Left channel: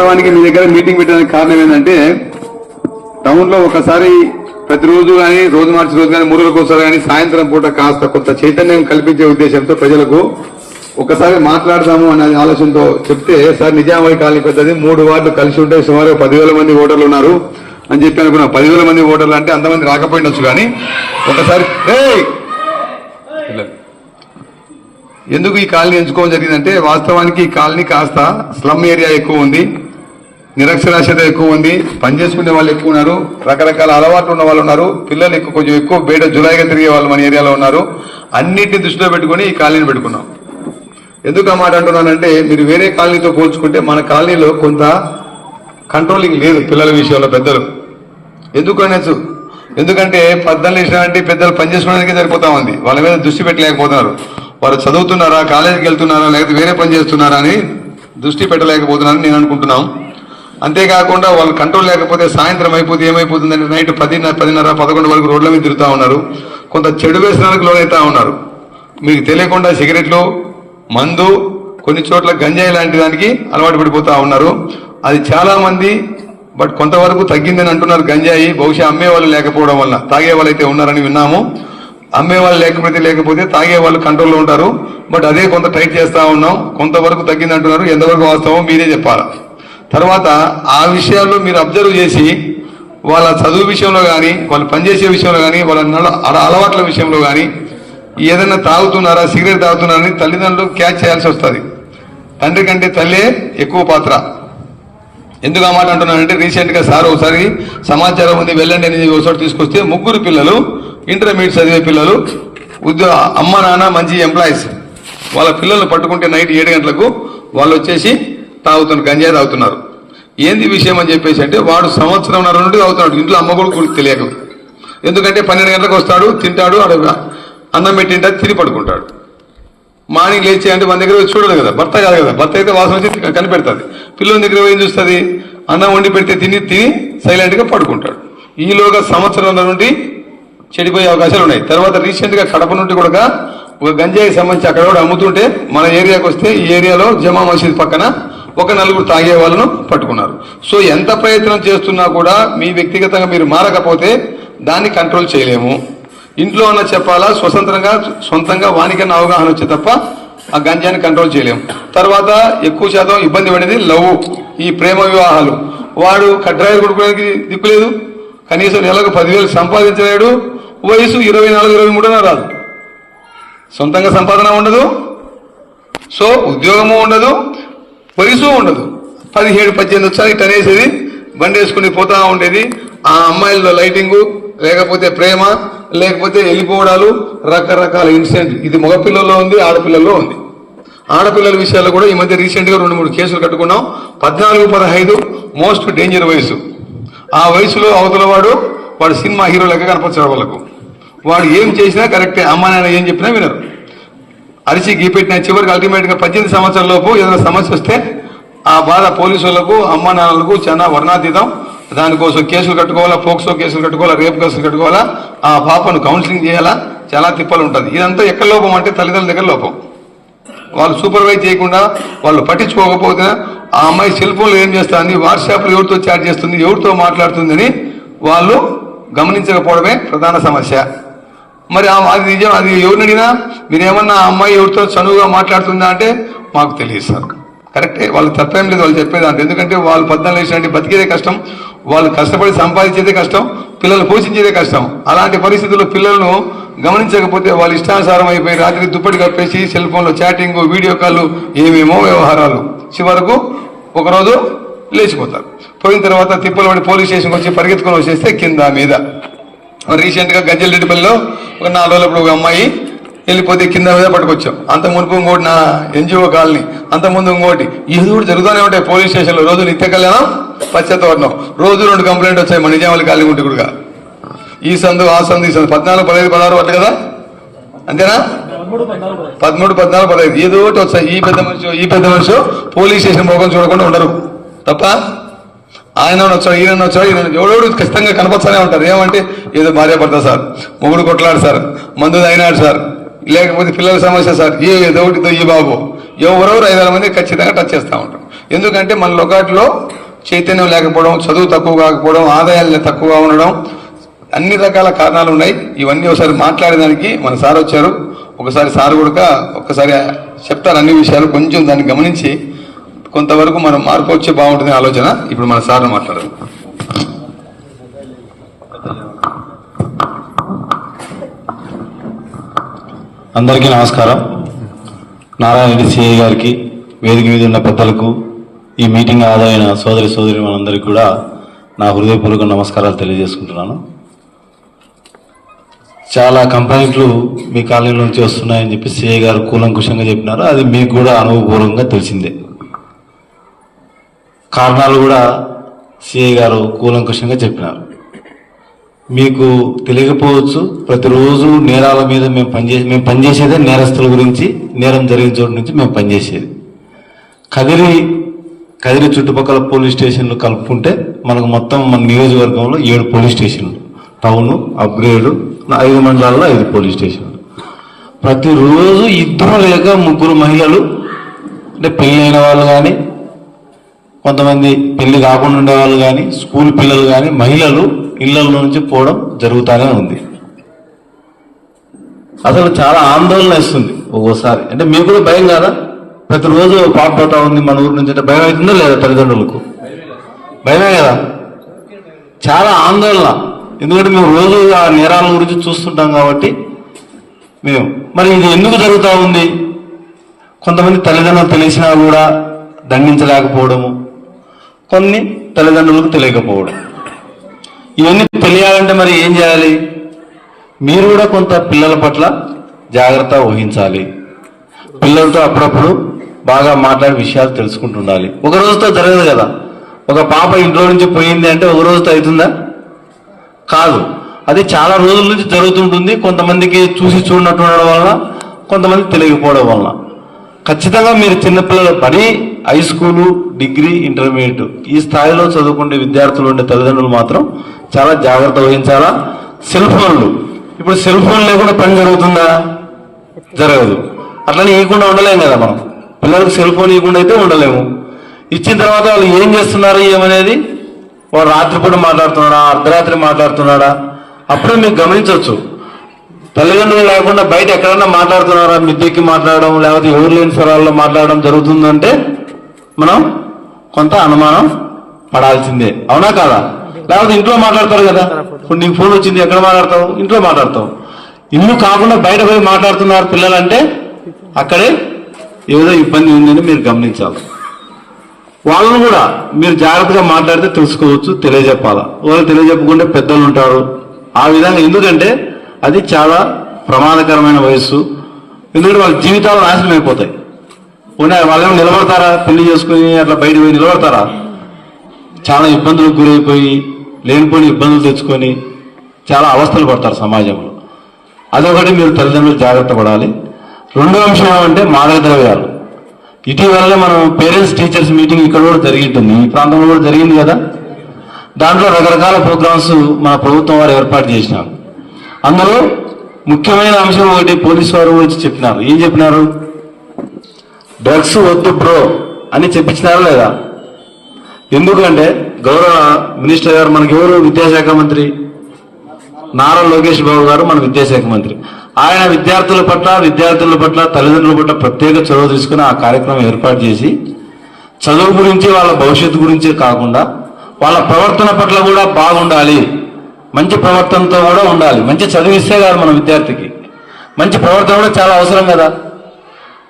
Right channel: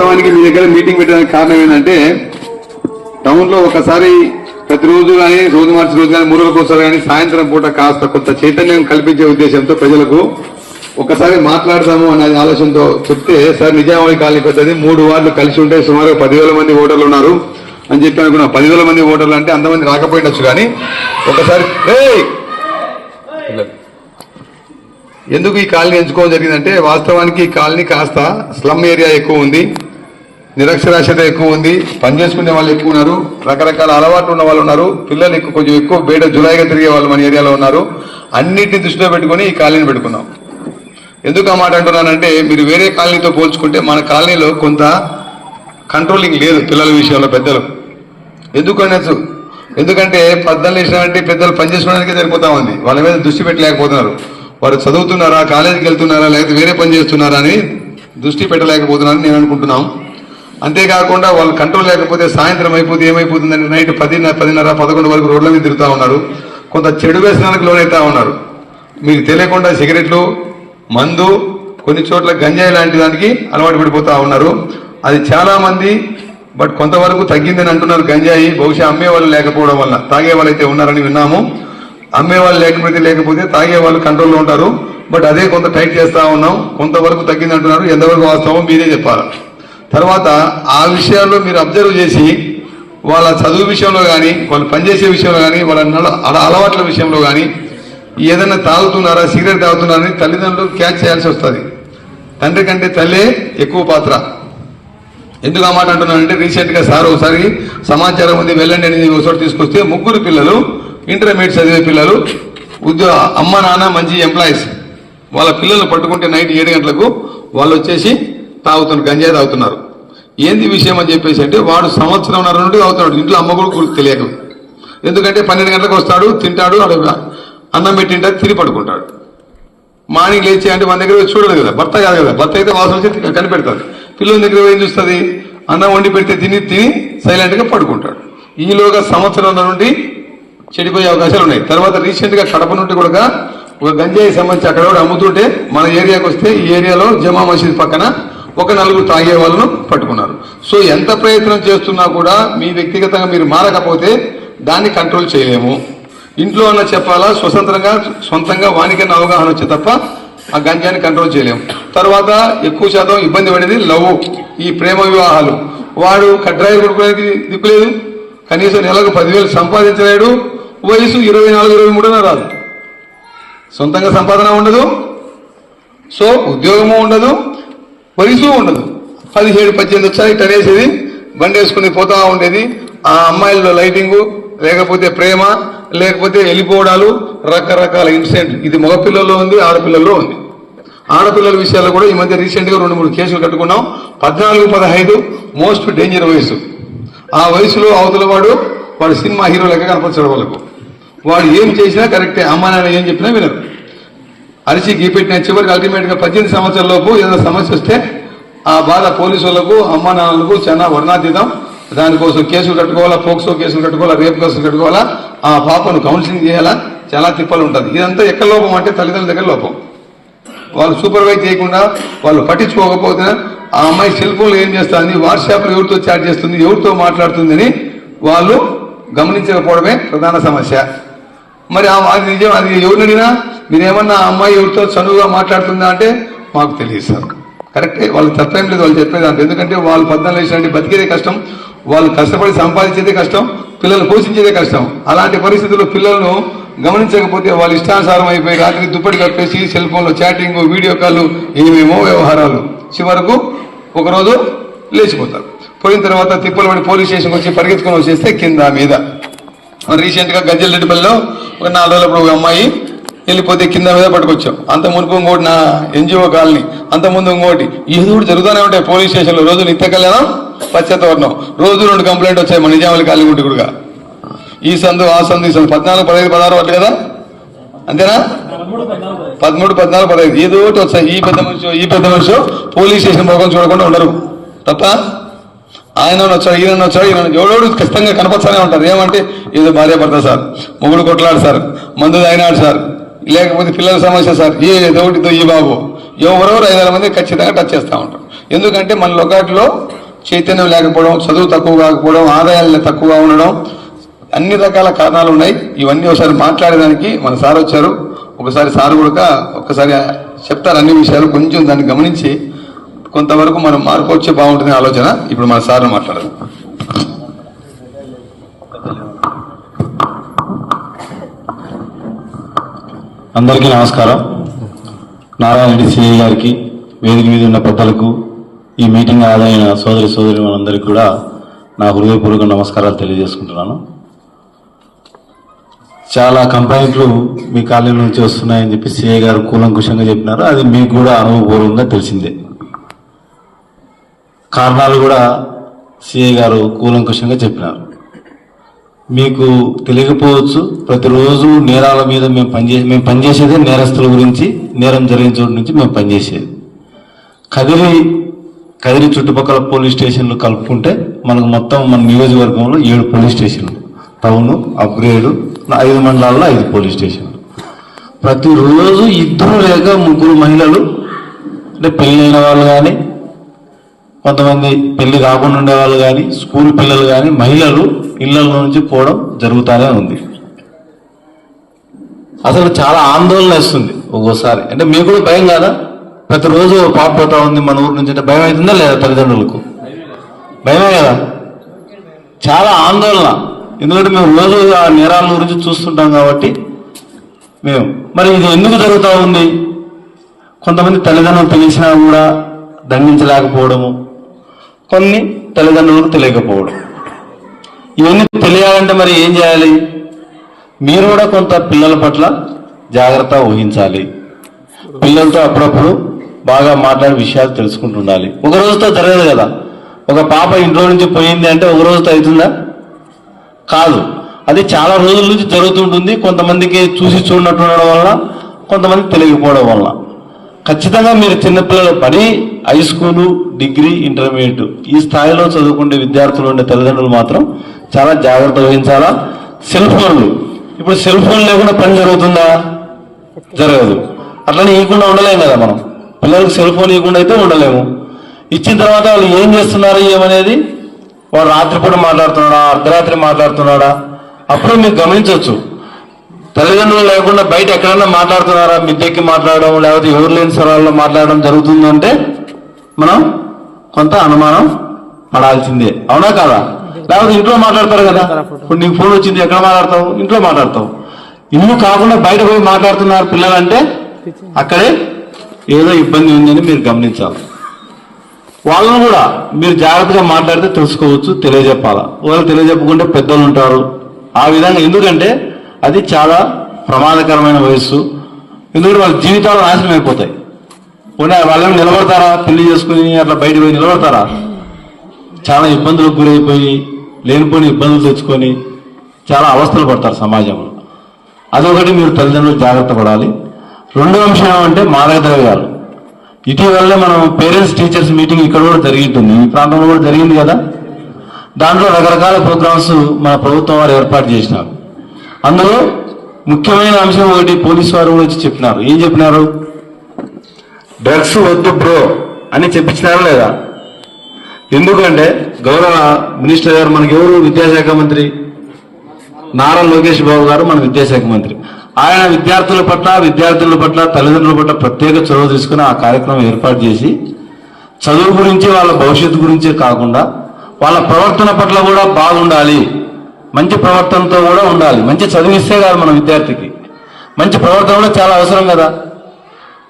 వాస్తవానికి మీ దగ్గర మీటింగ్ పెట్టడానికి కారణం ఏంటంటే టౌన్ లో ఒకసారి ప్రతిరోజు కానీ రోజు మార్చి రోజు కానీ మూడు రోజులకోసారి కానీ సాయంత్రం పూట కాస్త కొంత చైతన్యం కల్పించే ఉద్దేశంతో ప్రజలకు ఒకసారి మాట్లాడదాము అనే ఆలోచనతో చెప్తే సార్ నిజామాబాద్ కాలనీ పెద్దది మూడు వార్డులు కలిసి ఉంటే సుమారు పదివేల మంది ఓటర్లు ఉన్నారు అని చెప్పి అనుకున్నా పదివేల మంది ఓటర్లు అంటే అంతమంది రాకపోయినచ్చు కానీ ఒకసారి ఎందుకు ఈ కాలనీ ఎంచుకోవడం జరిగిందంటే వాస్తవానికి ఈ కాలనీ కాస్త స్లమ్ ఏరియా ఎక్కువ ఉంది నిరక్షరాస్యత ఎక్కువ ఉంది పనిచేసుకునే వాళ్ళు ఎక్కువ ఉన్నారు రకరకాల అలవాట్లు ఉన్న వాళ్ళు ఉన్నారు పిల్లలు ఎక్కువ కొంచెం ఎక్కువ బయట జులైగా తిరిగే వాళ్ళు మన ఏరియాలో ఉన్నారు అన్నింటిని దృష్టిలో పెట్టుకుని ఈ కాలనీని పెట్టుకున్నాం ఎందుకు ఆ మాట అంటున్నానంటే మీరు వేరే కాలనీతో పోల్చుకుంటే మన కాలనీలో కొంత కంట్రోలింగ్ లేదు పిల్లల విషయంలో పెద్దలు ఎందుకు అనొచ్చు ఎందుకంటే పద్దెనిమిది అంటే పెద్దలు పనిచేసుకోవడానికి సరిపోతా ఉంది వాళ్ళ మీద దృష్టి పెట్టలేకపోతున్నారు వారు చదువుతున్నారా కాలేజీకి వెళ్తున్నారా లేకపోతే వేరే పని చేస్తున్నారా అని దృష్టి పెట్టలేకపోతున్నారని నేను అనుకుంటున్నాను అంతేకాకుండా వాళ్ళు కంట్రోల్ లేకపోతే సాయంత్రం అయిపోతే ఏమైపోతుందంటే నైట్ పదిన్నర పదిన్నర పదకొండు వరకు రోడ్ల మీద తిరుగుతూ ఉన్నారు కొంత చెడు వ్యసనానికి లోనైతా ఉన్నారు మీకు తెలియకుండా సిగరెట్లు మందు కొన్ని చోట్ల గంజాయి లాంటి దానికి అలవాటు పడిపోతూ ఉన్నారు అది చాలామంది బట్ కొంతవరకు తగ్గిందని అంటున్నారు గంజాయి బహుశా అమ్మేవాళ్ళు లేకపోవడం వల్ల తాగే వాళ్ళు అయితే ఉన్నారని విన్నాము అమ్మేవాళ్ళు లేకపోతే లేకపోతే తాగే వాళ్ళు కంట్రోల్లో ఉంటారు బట్ అదే కొంత టైట్ చేస్తూ ఉన్నాం కొంతవరకు తగ్గింది అంటున్నారు ఎంతవరకు వాస్తవం మీరే చెప్పాలి తర్వాత ఆ విషయాల్లో మీరు అబ్జర్వ్ చేసి వాళ్ళ చదువు విషయంలో కానీ వాళ్ళు పనిచేసే విషయంలో కానీ వాళ్ళ అలవాట్ల విషయంలో కానీ ఏదైనా తాగుతున్నారా సిగరెట్ తాగుతున్నారని తల్లిదండ్రులు క్యాచ్ చేయాల్సి వస్తుంది తండ్రి కంటే తల్లే ఎక్కువ పాత్ర ఎందుకు ఆ మాట అంటున్నానంటే రీసెంట్గా సార్ ఒకసారి సమాచారం ఉంది వెళ్ళండి అనేది ఒకసారి తీసుకొస్తే ముగ్గురు పిల్లలు ఇంటర్మీడియట్ చదివే పిల్లలు ఉద్యోగ అమ్మ నాన్న మంచి ఎంప్లాయీస్ వాళ్ళ పిల్లలు పట్టుకుంటే నైట్ ఏడు గంటలకు వాళ్ళు వచ్చేసి తాగుతున్న గంజాయి తాగుతున్నారు ఏంది విషయం అని చెప్పేసి అంటే వాడు సంవత్సరం నుండి తాగుతున్నాడు ఇంట్లో అమ్మ కూడా తెలియదు ఎందుకంటే పన్నెండు గంటలకు వస్తాడు తింటాడు ఆడ అన్నం పెట్టింటే తిరిగి పడుకుంటాడు మార్నింగ్ లేచి అంటే మన దగ్గర చూడదు కదా భర్త కాదు కదా భర్త అయితే వాసన వచ్చి కనిపెడతాడు పిల్లల దగ్గర ఏం చూస్తుంది అన్నం వండి పెడితే తిని తిని సైలెంట్గా పడుకుంటాడు ఈలోగా సంవత్సరం నుండి చెడిపోయే అవకాశాలు ఉన్నాయి తర్వాత రీసెంట్గా కడప నుండి కూడా ఒక గంజాయి సంబంధించి అక్కడ కూడా అమ్ముతుంటే మన ఏరియాకి వస్తే ఈ ఏరియాలో జమా మసీద్ పక్కన ఒక నలుగురు తాగే వాళ్ళను పట్టుకున్నారు సో ఎంత ప్రయత్నం చేస్తున్నా కూడా మీ వ్యక్తిగతంగా మీరు మారకపోతే దాన్ని కంట్రోల్ చేయలేము ఇంట్లో అన్న చెప్పాలా స్వతంత్రంగా సొంతంగా వానికన్నా అవగాహన వచ్చే తప్ప ఆ గంజాన్ని కంట్రోల్ చేయలేము తర్వాత ఎక్కువ శాతం ఇబ్బంది పడింది లవ్ ఈ ప్రేమ వివాహాలు వాడు కడ్రాయిలు కొడుకోవడానికి దిక్కులేదు కనీసం నెలకు పదివేలు సంపాదించలేడు వయసు ఇరవై నాలుగు ఇరవై మూడున రాదు సొంతంగా సంపాదన ఉండదు సో ఉద్యోగము ఉండదు వయసు ఉండదు పదిహేడు పద్దెనిమిది వచ్చారు తనేసేది బండేసుకుని పోతా ఉండేది ఆ అమ్మాయిల లైటింగు లేకపోతే ప్రేమ లేకపోతే వెళ్ళిపోవడాలు రకరకాల ఇన్సిడెంట్ ఇది మగపిల్లల్లో ఉంది ఆడపిల్లల్లో ఉంది ఆడపిల్లల విషయాల్లో కూడా ఈ మధ్య రీసెంట్గా రెండు మూడు కేసులు కట్టుకున్నాం పద్నాలుగు పదహైదు మోస్ట్ డేంజర్ వయసు ఆ వయసులో అవతల వాడు వాడు సినిమా హీరో లెక్క కనపరచడం వాళ్ళకు వాడు ఏం చేసినా కరెక్టే అమ్మా నాన్న ఏం చెప్పినా వినరు అరిచి గీపెట్టిన చివరికి అల్టిమేట్గా పద్దెనిమిది సంవత్సరాల లోపు ఏదైనా సమస్య వస్తే ఆ బాధ పోలీసులకు అమ్మ నాన్నలకు చాలా వర్ణాతీతం దానికోసం కేసులు కట్టుకోవాలా పోక్సో కేసులు కట్టుకోవాలా రేపు కేసులు కట్టుకోవాలా ఆ పాపను కౌన్సిలింగ్ చేయాలా చాలా తిప్పలు ఉంటుంది ఇదంతా ఎక్కడ లోపం అంటే తల్లిదండ్రుల దగ్గర లోపం వాళ్ళు సూపర్వైజ్ చేయకుండా వాళ్ళు పట్టించుకోకపోతే ఆ అమ్మాయి సెల్ ఫోన్లో ఏం చేస్తుంది వాట్సాప్లో ఎవరితో చాట్ చేస్తుంది ఎవరితో మాట్లాడుతుందని వాళ్ళు గమనించకపోవడమే ప్రధాన సమస్య మరి అది నిజం అది ఎవరిని అడిగినా మీరేమన్నా ఆ అమ్మాయి ఎవరితో చనువుగా మాట్లాడుతుందా అంటే మాకు తెలియదు సార్ కరెక్టే వాళ్ళు తప్పేం లేదు వాళ్ళు చెప్పేదాంత ఎందుకంటే వాళ్ళు పద్నాలుగు వేసినట్టు బతికేదే కష్టం వాళ్ళు కష్టపడి సంపాదించేదే కష్టం పిల్లలు పోషించేదే కష్టం అలాంటి పరిస్థితుల్లో పిల్లలను గమనించకపోతే వాళ్ళు ఇష్టానుసారం అయిపోయి రాత్రి దుప్పటి కప్పేసి సెల్ ఫోన్లో చాటింగ్ వీడియో కాల్ ఏమేమో వ్యవహారాలు చివరకు ఒకరోజు లేచిపోతారు పోయిన తర్వాత తిప్పలవాడి పోలీస్ స్టేషన్కి వచ్చి పరిగెత్తుకొని వచ్చేస్తే కింద మీద రీసెంట్గా గజ్జలరెడ్డిపల్లిలో ఒక నాలుగు రోజులప్పుడు ఒక అమ్మాయి వెళ్ళిపోతే కింద మీద పట్టుకొచ్చాం అంత మునుపు ఇంకోటి నా ఎన్జిఓ కాలనీ అంత ముందు ఇంకోటి ఏదో జరుగుతూనే ఉంటాయి పోలీస్ స్టేషన్లో రోజు నిత్య కళ్యాణం పశ్చాత్తవర్ణం రోజు రెండు కంప్లైంట్ వచ్చాయి మన నిజామాలి కాలనీ ఉంటే కూడా ఈ సందు ఆ సందు ఈ సందు పద్నాలుగు పదహైదు పదహారు వాళ్ళు కదా అంతేనా పదమూడు పద్నాలుగు పదహైదు ఏదో వచ్చాయి ఈ పెద్ద మనిషి ఈ పెద్ద మనిషి పోలీస్ స్టేషన్ పోకుండా చూడకుండా ఉండరు తప్ప ఆయన వచ్చాడు ఈయన వచ్చాడు ఈయన ఎవడోడు ఖచ్చితంగా కనపచ్చానే ఉంటారు ఏమంటే ఏదో భార్య భర్త సార్ మొగుడు కొట్లాడు సార్ మందు అయినాడు సార్ లేకపోతే పిల్లల సమస్య సార్ ఏ దౌటితో ఈ బాబు ఎవరెవరు వేల మంది ఖచ్చితంగా టచ్ చేస్తూ ఉంటారు ఎందుకంటే మన లొకాట్లో చైతన్యం లేకపోవడం చదువు తక్కువ కాకపోవడం ఆదాయాలు తక్కువగా ఉండడం అన్ని రకాల కారణాలు ఉన్నాయి ఇవన్నీ ఒకసారి మాట్లాడేదానికి మన సార్ వచ్చారు ఒకసారి సార్ కూడా ఒకసారి చెప్తారు అన్ని విషయాలు కొంచెం దాన్ని గమనించి కొంతవరకు మనం మార్పు వచ్చే బాగుంటుంది ఆలోచన ఇప్పుడు మన సార్ని మాట్లాడదు అందరికీ నమస్కారం నారాయణ రెడ్డి సిఐ గారికి వేదిక మీద ఉన్న పెద్దలకు ఈ మీటింగ్ ఆదైన సోదరి సోదరి మనందరికీ కూడా నా హృదయపూర్వక నమస్కారాలు తెలియజేసుకుంటున్నాను చాలా కంప్లైంట్లు మీ కాలనీ నుంచి వస్తున్నాయని చెప్పి సిఐ గారు కూలంకుషంగా చెప్పినారు అది మీకు కూడా అనుభవపూర్వకంగా తెలిసిందే కారణాలు కూడా సిఐ గారు కూలంకషంగా చెప్పినారు మీకు తెలియకపోవచ్చు ప్రతిరోజు నేరాల మీద మేము పనిచేసి మేము పనిచేసేదే నేరస్తుల గురించి నేరం జరిగిన చోటు నుంచి మేము పనిచేసేది కదిరి కదిరి చుట్టుపక్కల పోలీస్ స్టేషన్లు కలుపుకుంటే మనకు మొత్తం మన నియోజకవర్గంలో ఏడు పోలీస్ స్టేషన్లు టౌను అప్గ్రేడు ఐదు మండలాల్లో ఐదు పోలీస్ స్టేషన్ ప్రతిరోజు ఇద్దరు లేక ముగ్గురు మహిళలు అంటే పెళ్ళైన వాళ్ళు కానీ కొంతమంది పెళ్లి కాకుండా ఉండేవాళ్ళు కానీ స్కూల్ పిల్లలు కానీ మహిళలు ఇళ్ల నుంచి పోవడం జరుగుతూనే ఉంది అసలు చాలా ఆందోళన ఇస్తుంది ఒక్కోసారి అంటే మీకు కూడా భయం కాదా ప్రతిరోజు పాప పోతా ఉంది మన ఊరు నుంచి అంటే భయం అవుతుందా లేదా తల్లిదండ్రులకు భయమే కదా చాలా ఆందోళన ఎందుకంటే మేము రోజు ఆ నేరాల గురించి చూస్తుంటాం కాబట్టి మేము మరి ఇది ఎందుకు జరుగుతూ ఉంది కొంతమంది తల్లిదండ్రులు తెలిసినా కూడా దండించలేకపోవడము కొన్ని తల్లిదండ్రులకు తెలియకపోవడం ఇవన్నీ తెలియాలంటే మరి ఏం చేయాలి మీరు కూడా కొంత పిల్లల పట్ల జాగ్రత్త వహించాలి పిల్లలతో అప్పుడప్పుడు బాగా మాట్లాడే విషయాలు తెలుసుకుంటుండాలి ఒక రోజుతో జరగదు కదా ఒక పాప ఇంట్లో నుంచి పోయింది అంటే ఒక రోజుతో అవుతుందా కాదు అది చాలా రోజుల నుంచి జరుగుతుంటుంది కొంతమందికి చూసి చూడనట్టు ఉండడం వలన కొంతమంది తెలియకపోవడం వలన ఖచ్చితంగా మీరు చిన్నపిల్లలు పని హై స్కూలు డిగ్రీ ఇంటర్మీడియట్ ఈ స్థాయిలో చదువుకునే విద్యార్థులు ఉండే తల్లిదండ్రులు మాత్రం చాలా జాగ్రత్త వహించాలా సెల్ ఫోన్లు ఇప్పుడు సెల్ ఫోన్ లేకుండా పని జరుగుతుందా జరగదు అట్లనే ఇవ్వకుండా ఉండలేము కదా మనం పిల్లలకు సెల్ ఫోన్ ఇవ్వకుండా అయితే ఉండలేము ఇచ్చిన తర్వాత వాళ్ళు ఏం చేస్తున్నారు ఏమనేది వాళ్ళు రాత్రిపూట మాట్లాడుతున్నాడా అర్ధరాత్రి మాట్లాడుతున్నాడా అప్పుడే మీరు గమనించవచ్చు తల్లిదండ్రులు లేకుండా బయట ఎక్కడైనా మాట్లాడుతున్నారా మిద్దెక్కి మాట్లాడడం లేకపోతే ఎవరు లేని స్వరాల్లో మాట్లాడడం జరుగుతుందంటే మనం కొంత అనుమానం పడాల్సిందే అవునా కాదా లేకపోతే ఇంట్లో మాట్లాడతారు కదా ఇప్పుడు నీకు ఫోన్ వచ్చింది ఎక్కడ మాట్లాడతావు ఇంట్లో మాట్లాడతావు ఇల్లు కాకుండా బయట పోయి మాట్లాడుతున్నారు పిల్లలు అంటే అక్కడే ఏదో ఇబ్బంది ఉందని మీరు గమనించాలి వాళ్ళను కూడా మీరు జాగ్రత్తగా మాట్లాడితే తెలుసుకోవచ్చు తెలియజెప్పాలా వాళ్ళు తెలియజెప్పకుండా పెద్దలు ఉంటారు ఆ విధంగా ఎందుకంటే అది చాలా ప్రమాదకరమైన వయస్సు ఎందుకంటే వాళ్ళ జీవితాలు నాశనం అయిపోతాయి పోనీ వాళ్ళు నిలబడతారా పెళ్లి చేసుకుని అట్లా బయట పోయి నిలబడతారా చాలా ఇబ్బందులకు గురైపోయి లేనిపోయిన ఇబ్బందులు తెచ్చుకొని చాలా అవస్థలు పడతారు సమాజంలో అదొకటి మీరు తల్లిదండ్రులు జాగ్రత్త పడాలి రెండో అంశం ఏమంటే మాదక ద్రవ్యాలు ఇటీవలనే మనం పేరెంట్స్ టీచర్స్ మీటింగ్ ఇక్కడ కూడా జరిగింటుంది ఈ ప్రాంతంలో కూడా జరిగింది కదా దాంట్లో రకరకాల ప్రోగ్రామ్స్ మన ప్రభుత్వం వారు ఏర్పాటు చేసినారు అందులో ముఖ్యమైన అంశం ఒకటి పోలీసు వారు వచ్చి చెప్పినారు ఏం చెప్పినారు డ్రగ్స్ వద్దు బ్రో అని చెప్పించినారు లేదా ఎందుకంటే గౌరవ మినిస్టర్ గారు మనకి ఎవరు విద్యాశాఖ మంత్రి నారా లోకేష్ బాబు గారు మన విద్యాశాఖ మంత్రి ఆయన విద్యార్థుల పట్ల విద్యార్థుల పట్ల తల్లిదండ్రుల పట్ల ప్రత్యేక చొరవ తీసుకుని ఆ కార్యక్రమం ఏర్పాటు చేసి చదువు గురించి వాళ్ళ భవిష్యత్తు గురించే కాకుండా వాళ్ళ ప్రవర్తన పట్ల కూడా బాగుండాలి మంచి ప్రవర్తనతో కూడా ఉండాలి మంచి చదివిస్తే కాదు మన విద్యార్థికి మంచి ప్రవర్తన కూడా చాలా అవసరం కదా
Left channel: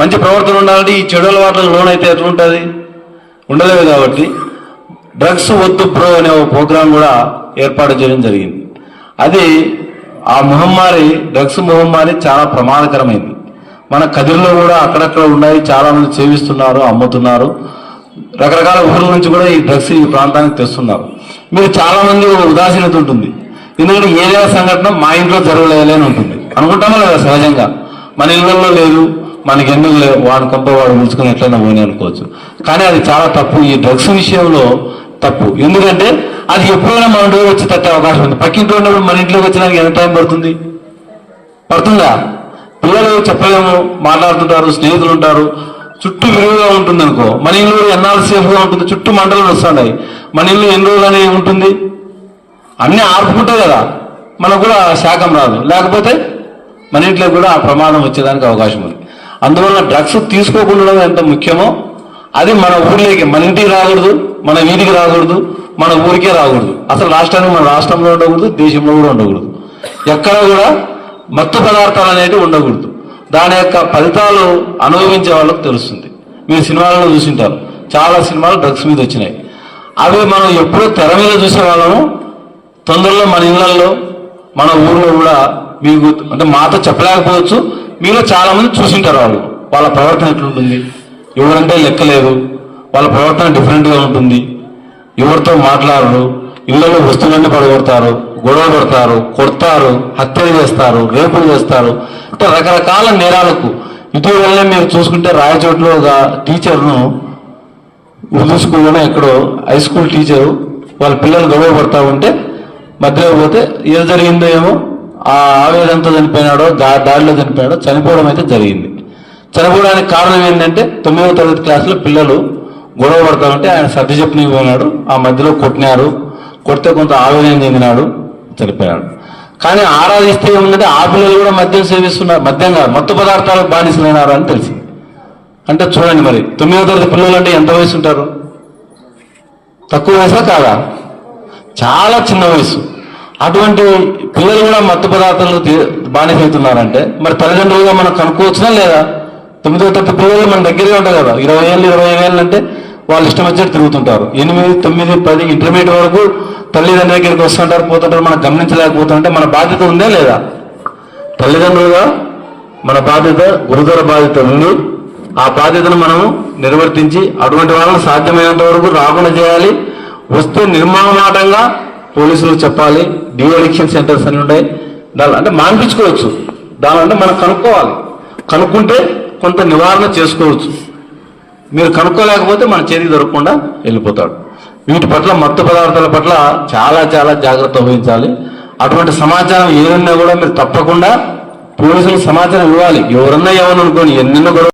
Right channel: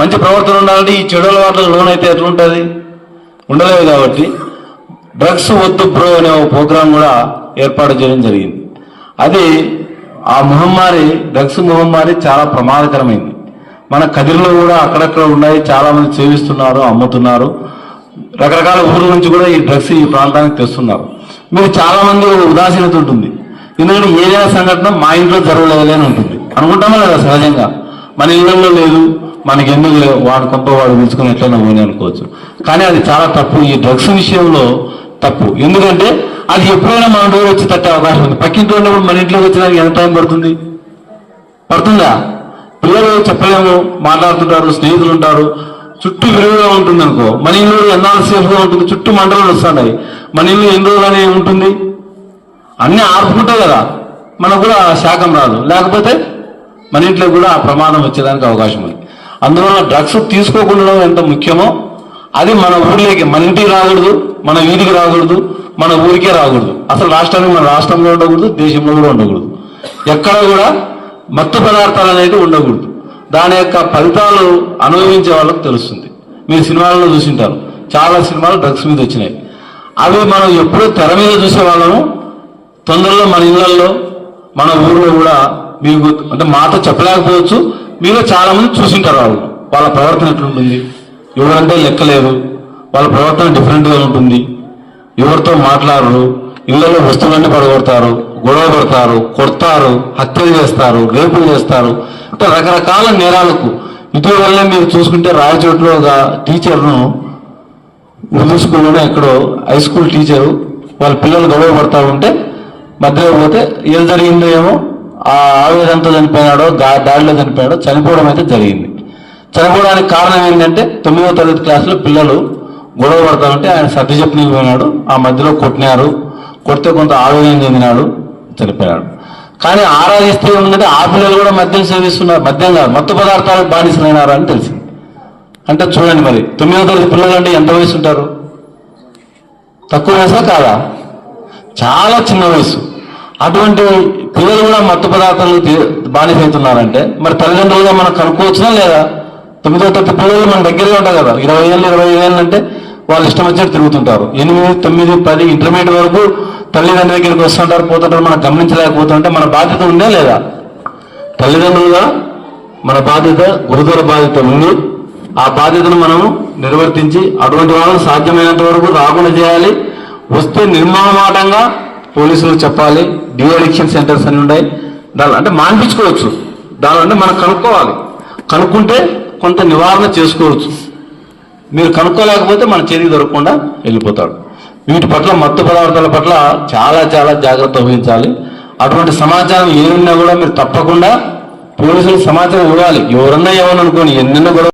మంచి ప్రవర్తన ఉండాలంటే ఈ చెడు అలవాట్లకు లోన్ అయితే ఎట్లుంటుంది ఉండలేదు కాబట్టి డ్రగ్స్ వద్దు ప్రో అనే ఒక ప్రోగ్రాం కూడా ఏర్పాటు చేయడం జరిగింది అది ఆ మహమ్మారి డ్రగ్స్ మహమ్మారి చాలా ప్రమాదకరమైంది మన కదిరిలో కూడా అక్కడక్కడ ఉన్నాయి చాలామంది సేవిస్తున్నారు అమ్ముతున్నారు రకరకాల ఊర్ల నుంచి కూడా ఈ డ్రగ్స్ ఈ ప్రాంతానికి తెస్తున్నారు మీరు చాలామంది ఉదాసీనత ఉంటుంది ఈనాడు ఏదైనా సంఘటన మా ఇంట్లో జరగలేదని ఉంటుంది అనుకుంటామా లేదా సహజంగా మన ఇళ్లలో లేదు మనకి ఎందుకు లేదు వాడు తప్ప వాడు ఉంచుకుని ఎట్లన్నా పోనీ అనుకోవచ్చు కానీ అది చాలా తప్పు ఈ డ్రగ్స్ విషయంలో తప్పు ఎందుకంటే అది ఎప్పుడైనా మన ఇంటికి వచ్చి తట్టే అవకాశం ఉంది పక్కింట్లో ఉన్నప్పుడు మన ఇంట్లోకి వచ్చినాక ఎంత టైం పడుతుంది పడుతుందా పిల్లలు చెప్పలేము మాట్లాడుతుంటారు స్నేహితులు ఉంటారు చుట్టూ విరివిగా ఉంటుంది అనుకో మన ఇల్లు ఎన్నాళ్ళు సేఫ్గా ఉంటుంది చుట్టూ మంటలు వస్తున్నాయి మన ఇల్లు ఎన్ని రోజులు ఉంటుంది అన్ని ఆర్పుకుంటావు కదా మనకు కూడా శాఖం రాదు లేకపోతే మన ఇంట్లో కూడా ఆ ప్రమాదం వచ్చేదానికి అవకాశం ఉంది అందువల్ల డ్రగ్స్ తీసుకోకుండా ఎంత ముఖ్యమో అది మన ఊర్లోకి మన ఇంటికి రాకూడదు మన వీధికి రాకూడదు మన ఊరికే రాకూడదు అసలు రాష్ట్రానికి మన రాష్ట్రంలో ఉండకూడదు దేశంలో కూడా ఉండకూడదు ఎక్కడ కూడా మత్తు పదార్థాలు అనేది ఉండకూడదు దాని యొక్క ఫలితాలు అనుభవించే వాళ్ళకి తెలుస్తుంది మీరు సినిమాలలో చూసింటారు చాలా సినిమాలు డ్రగ్స్ మీద వచ్చినాయి అవి మనం ఎప్పుడూ తెర మీద చూసే వాళ్ళము తొందరలో మన ఇళ్లలో మన ఊళ్ళో కూడా మీకు అంటే మాతో చెప్పలేకపోవచ్చు మీలో చాలా మంది చూసింటారు వాళ్ళు వాళ్ళ ప్రవర్తన ఎట్లుంటుంది ఎవరంటే లెక్కలేరు వాళ్ళ ప్రవర్తన డిఫరెంట్గా ఉంటుంది ఎవరితో మాట్లాడరు ఇళ్లలో వస్తువులన్నీ పడగొడతారు గొడవ పడతారు కొడతారు హత్యలు చేస్తారు రేపులు చేస్తారు అంటే రకరకాల నేరాలకు ఇటీవలనే మీరు చూసుకుంటే రాయచోట్లో ఒక టీచర్ను ఉర్దూ స్కూల్లోనే ఎక్కడో హై స్కూల్ టీచరు వాళ్ళ పిల్లలు గొడవ పడతా ఉంటే మధ్యలో పోతే ఏం జరిగిందో ఏమో ఆ ఆవేదనతో చనిపోయినాడో దా దాడిలో చనిపోయాడో చనిపోవడం అయితే జరిగింది చనిపోవడానికి కారణం ఏంటంటే తొమ్మిదవ తరగతి క్లాసులో పిల్లలు గొడవ పడతామంటే ఆయన సర్ది చెప్పనికి పోయినాడు ఆ మధ్యలో కొట్టినారు కొడితే కొంత ఆవేదన చెందినాడు చనిపోయాడు కానీ ఆరాధిస్తే ఏముందంటే ఆ పిల్లలు కూడా మద్యం సేవిస్తున్నారు మద్యం కాదు మత్తు పదార్థాలకు బానిసలైనారు అని తెలిసింది అంటే చూడండి మరి తొమ్మిదో తరగతి పిల్లలు అంటే ఎంత వయసు ఉంటారు తక్కువ వయసా కాదా చాలా చిన్న వయసు అటువంటి పిల్లలు కూడా మత్తు పదార్థాలు బానిసవుతున్నారంటే మరి తల్లిదండ్రులుగా మనం కనుక్కోవచ్చునా లేదా తొమ్మిదో తొమ్మిది పిల్లలు మన దగ్గరే ఉంటాయి కదా ఇరవై ఏళ్ళు ఇరవై ఏళ్ళు అంటే వాళ్ళు ఇష్టం వచ్చినట్టు తిరుగుతుంటారు ఎనిమిది తొమ్మిది పది ఇంటర్మీడియట్ వరకు తల్లిదండ్రుల దగ్గరికి వస్తుంటారు పోతుంటారు మనం గమనించలేకపోతుంటే మన బాధ్యత ఉందే లేదా తల్లిదండ్రులుగా మన బాధ్యత గురుదర బాధ్యత ఉంది ఆ బాధ్యతను మనం నిర్వర్తించి అటువంటి వాళ్ళని సాధ్యమైనంత వరకు రాకుండా చేయాలి వస్తు నిర్మాణమాటంగా పోలీసులకు చెప్పాలి డీ అడిక్షన్ సెంటర్స్ అని ఉన్నాయి దాని అంటే మాన్పించుకోవచ్చు అంటే మనం కనుక్కోవాలి కనుక్కుంటే కొంత నివారణ చేసుకోవచ్చు మీరు కనుక్కోలేకపోతే మన చేతి దొరకకుండా వెళ్ళిపోతాడు వీటి పట్ల మత్తు పదార్థాల పట్ల చాలా చాలా జాగ్రత్త వహించాలి అటువంటి సమాచారం ఏమన్నా కూడా మీరు తప్పకుండా పోలీసులకు సమాచారం ఇవ్వాలి ఎవరన్నా అనుకోని ఎన్నెన్నో